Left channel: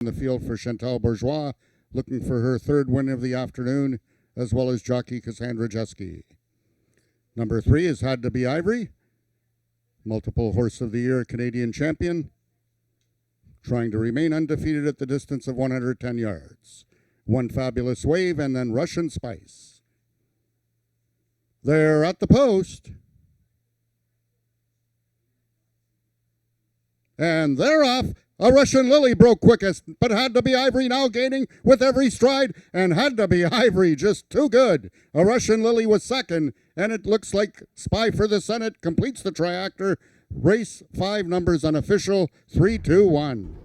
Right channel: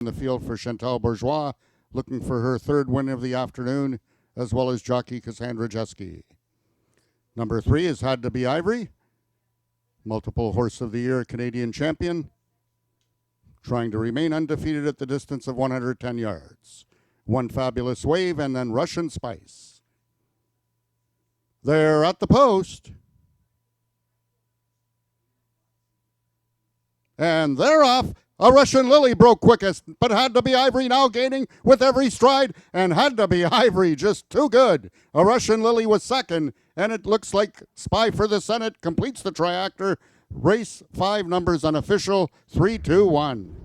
in the field for Chantal Bourgeois, looking for her third win of the afternoon, as well as jockey Cassandra Jeske. Number 3 is Had to Be Ivory, multiple Horse of the Year Canadian champion, trying to remain undefeated at the distance of 110 yards. One Fabulous Wave, and then Russian Spice. They're at the post. And they're off. A Russian Lily broke quickest, but Had to Be Ivory now gaining with every stride, and Had to Be Ivory just too good. A Russian Lily was second, and it looks like Spy for the Senate completes the triactor. Race 5 numbers unofficial, 3, 2, 1.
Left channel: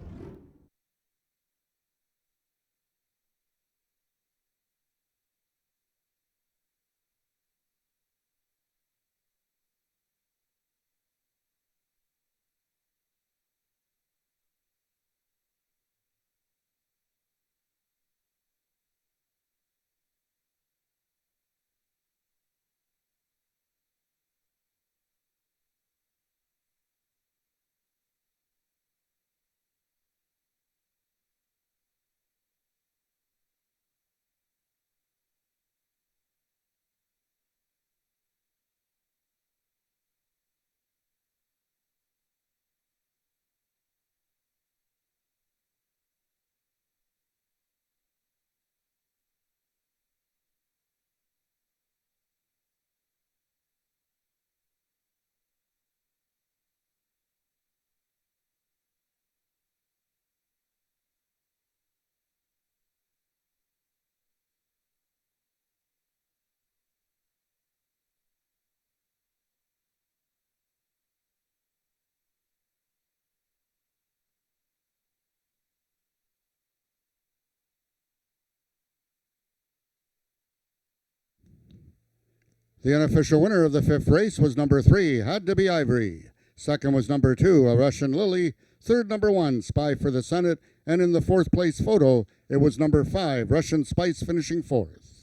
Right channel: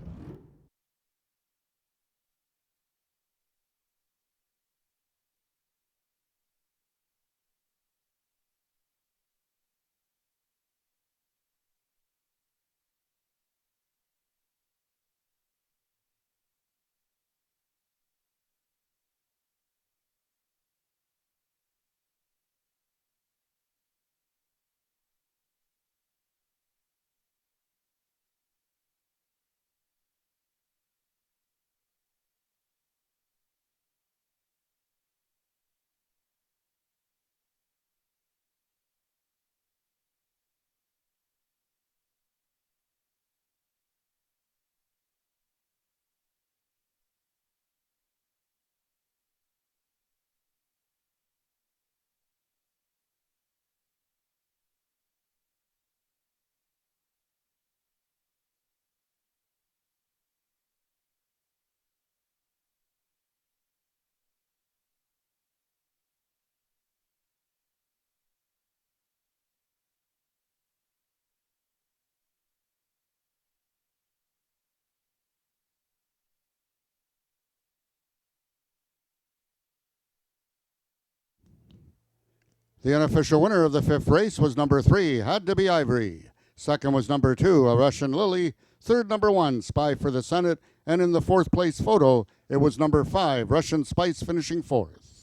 The unofficial winner of the 5th race was number 3, Had to Be Ivory. Second was number 2, A Russian Lily. Third, number 1, Spy for the Senate. And in the 4th place photo, it was number 5, Russian Spice, finishing 4th.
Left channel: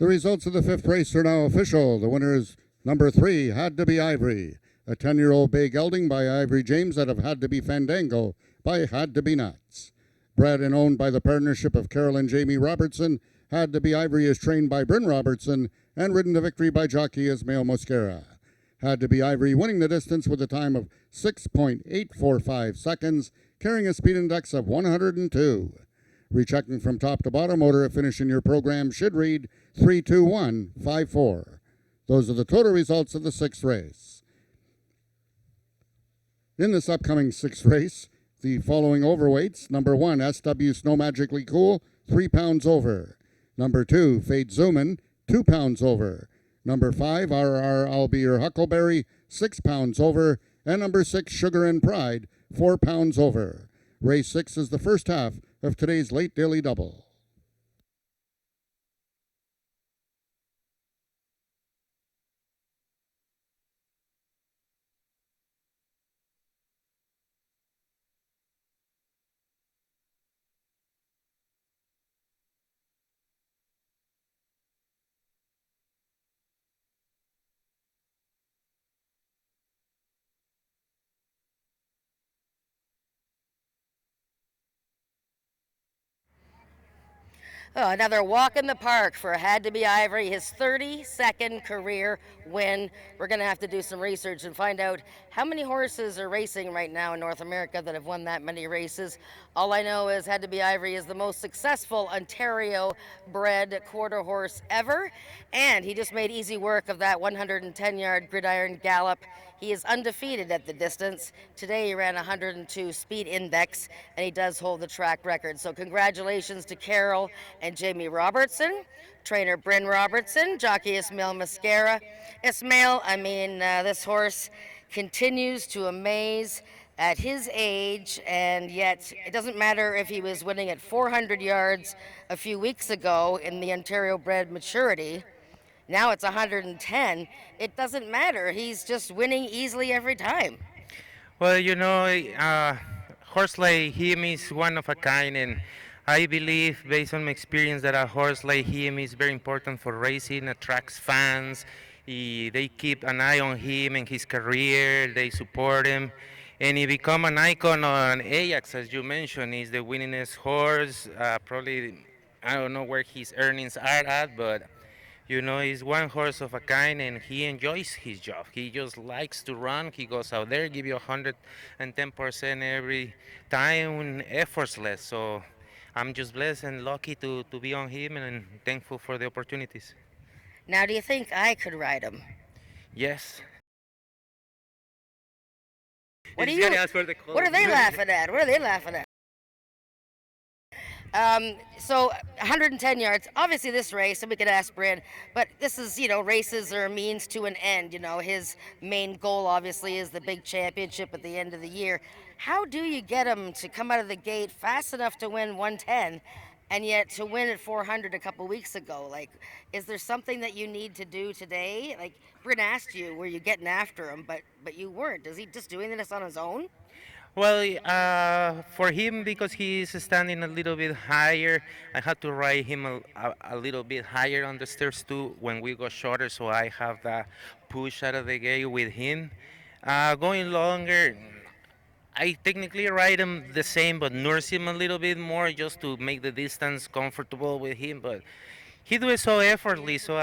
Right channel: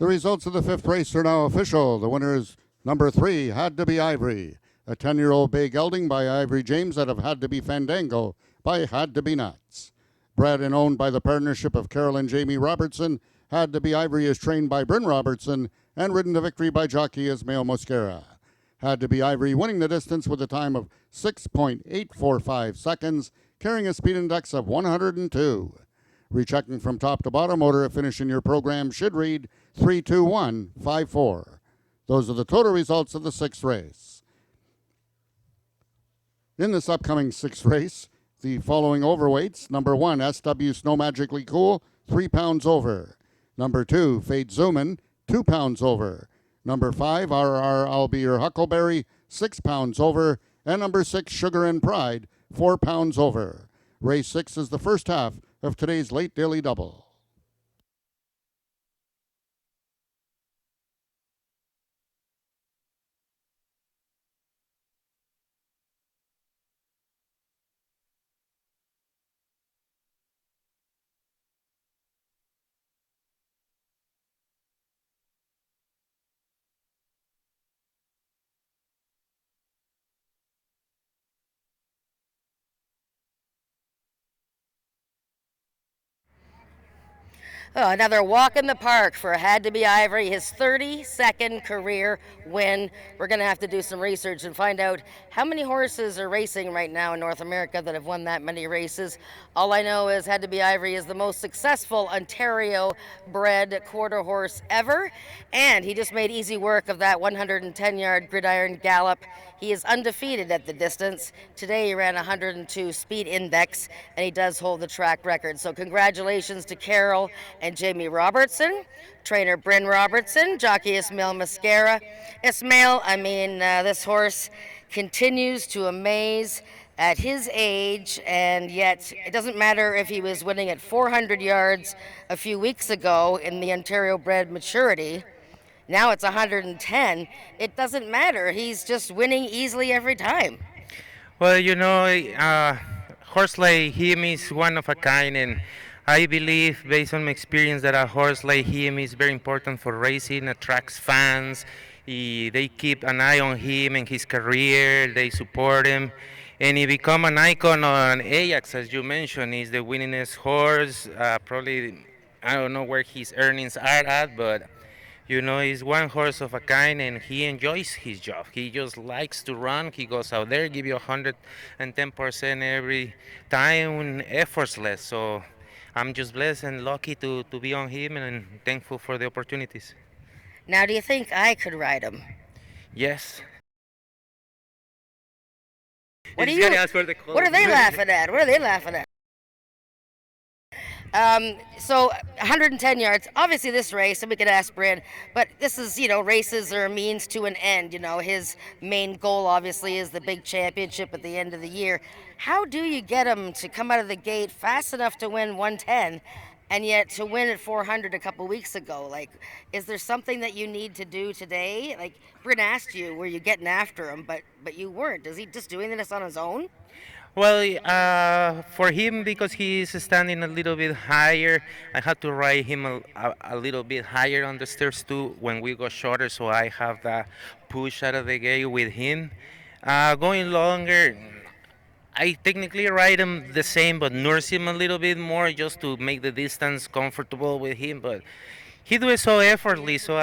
The results of the 5th race are now official. The winner is number 3, Had to Be Ivory. A 10-year-old bay gelding by Ivory James out of Had to Be Fandango by Had to Be Nuts. Bred and owned by the partnership of Carol and Jamie Robertson, Had to Be Ivory is trained by Bryn Robertson and ridden to victory by jockey Ismail Mosquera. Had to Be Ivory winning the distance with a time of 6.845 seconds, carrying a speed index of 102. Rechecking from top to bottom, order of finish in your program should read 32154. Those are the total results of the sixth race. In this upcoming sixth race, the following overweights: number 1, SW Snow Magically Cool, 3 pounds over. Number 2, Fade Zoomin, 2 pounds over. Number 5, RR I'll Be Your Huckleberry, 6 pounds over. And number 6, Sugar and Pride, 4 pounds over. Race 6 is the first half of today's late daily double. Oh, another walk in the park for Had to Be Ivory, his 32nd career win. We're going to have to do some research and find out how many horses are racing right now in North America that have won that many races. All I know is Had to Be Ivory is the most successful Ontario-bred quarter horse ever, and he just made easy work of that 110-yard gridiron gallop. He is undefeated at the distance. Today he ran 102 speed index, and he does hold the track record. So congratulations to Carol and Jamie Robertson, trainer Bryn Robertson, jockey Ismail Mascara. Ismail, this horse continues to amaze at his age, and yet it doesn't matter if he was winning at 400 yards a few weeks ago in the Ontario bred maturity. Now it's 110. It doesn't matter. He's just winning easily every time. Well, horse like him is one of a kind, and I believe, based on my experience, that a horse like him is very important for racing, attracts fans. They keep an eye on him and his career. They support him, and he become an icon on Ajax, as you mentioned. He's the winningest horse. Probably, I don't know where his earnings are at, but he's one horse of a kind, and he enjoys his job. He just likes to run. He goes out there, give you 110% every time, effortless. So I'm just blessed and lucky to be on him, and thankful for the opportunities. Now, do you think I could ride him? Yes. What are they laughing at? What are they laughing at? So 110 yards, obviously this race, and we could ask Bryn, but this is, races are a means to an end. His main goal obviously is the big championship at the end of the year. How do you get him to come out of the gate fast enough to win 110 and yet to win at 400 a couple weeks ago? Like, is there something that you need to do today? Like, Bryn asked you, were you getting after him, but you weren't. Is he just doing this on his own? Well, for him, because he is standing a little bit higher, I had to ride him a little bit higher on the stairs too when we go shorter, so I have that push out of the gate with him. Going longer, I technically ride him the same, but nurse him a little bit more just to make the distance comfortable with him. But he do it so effortlessly, so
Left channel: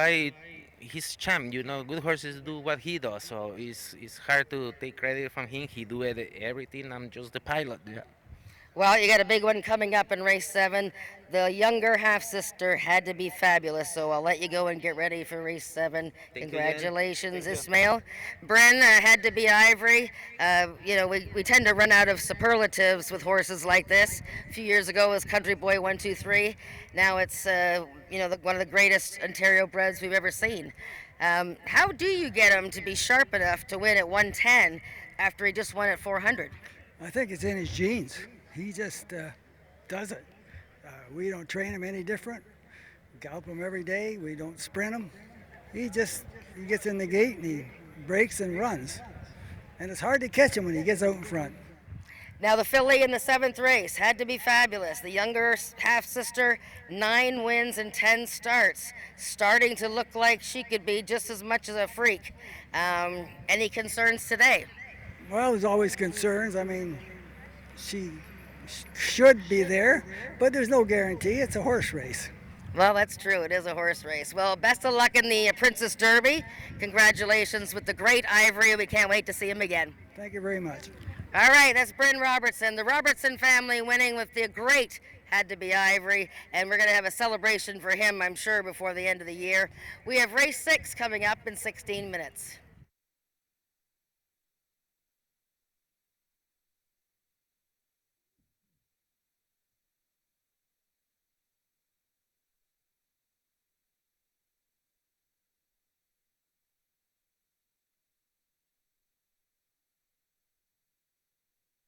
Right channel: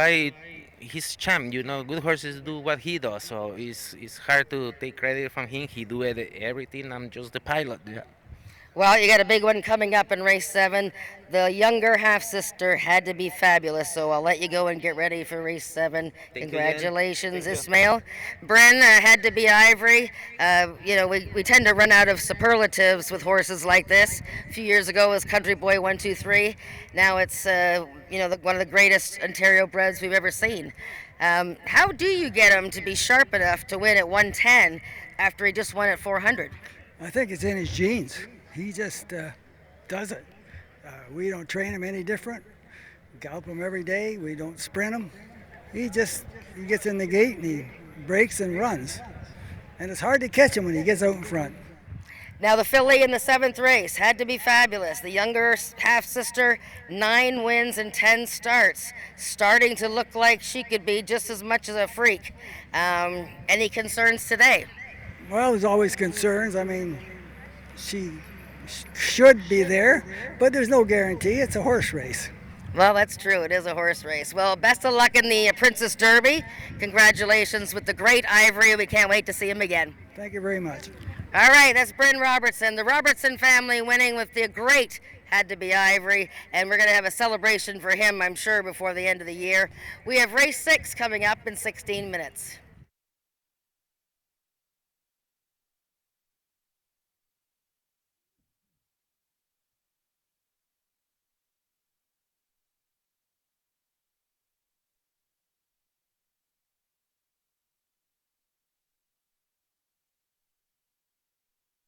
he's champ. Good horses do what he does, so it's hard to take credit from him. He do everything. I'm just the pilot. Yeah. Well, you got a big one coming up in race 7. The younger half-sister Had to Be Fabulous, so I'll let you go and get ready for race 7. Congratulations, Ismail. Bryn, Had to Be Ivory. We tend to run out of superlatives with horses like this. A few years ago it was Country Boy 123. Now it's one of the greatest Ontario breds we've ever seen. How do you get him to be sharp enough to win at 110 after he just won at 400? I think it's in his genes. He just does it. We don't train him any different. We gallop him every day. We don't sprint him. He gets in the gate and he breaks and runs. And it's hard to catch him when he gets out in front. Now the filly in the 7th race Had to Be Fabulous. The younger half-sister, 9 wins and 10 starts. Starting to look like she could be just as much as a freak. Any concerns today? Well, there's always concerns. She should be there, but there's no guarantee. It's a horse race. Well, that's true. It is a horse race. Well, best of luck in the Princess Derby. Congratulations with the great Ivory. We can't wait to see him again. Thank you very much. All right, that's Bryn Robertson. The Robertson family winning with the great Had to Be Ivory, and we're going to have a celebration for him, I'm sure, before the end of the year. We have race 6 coming up in 16 minutes.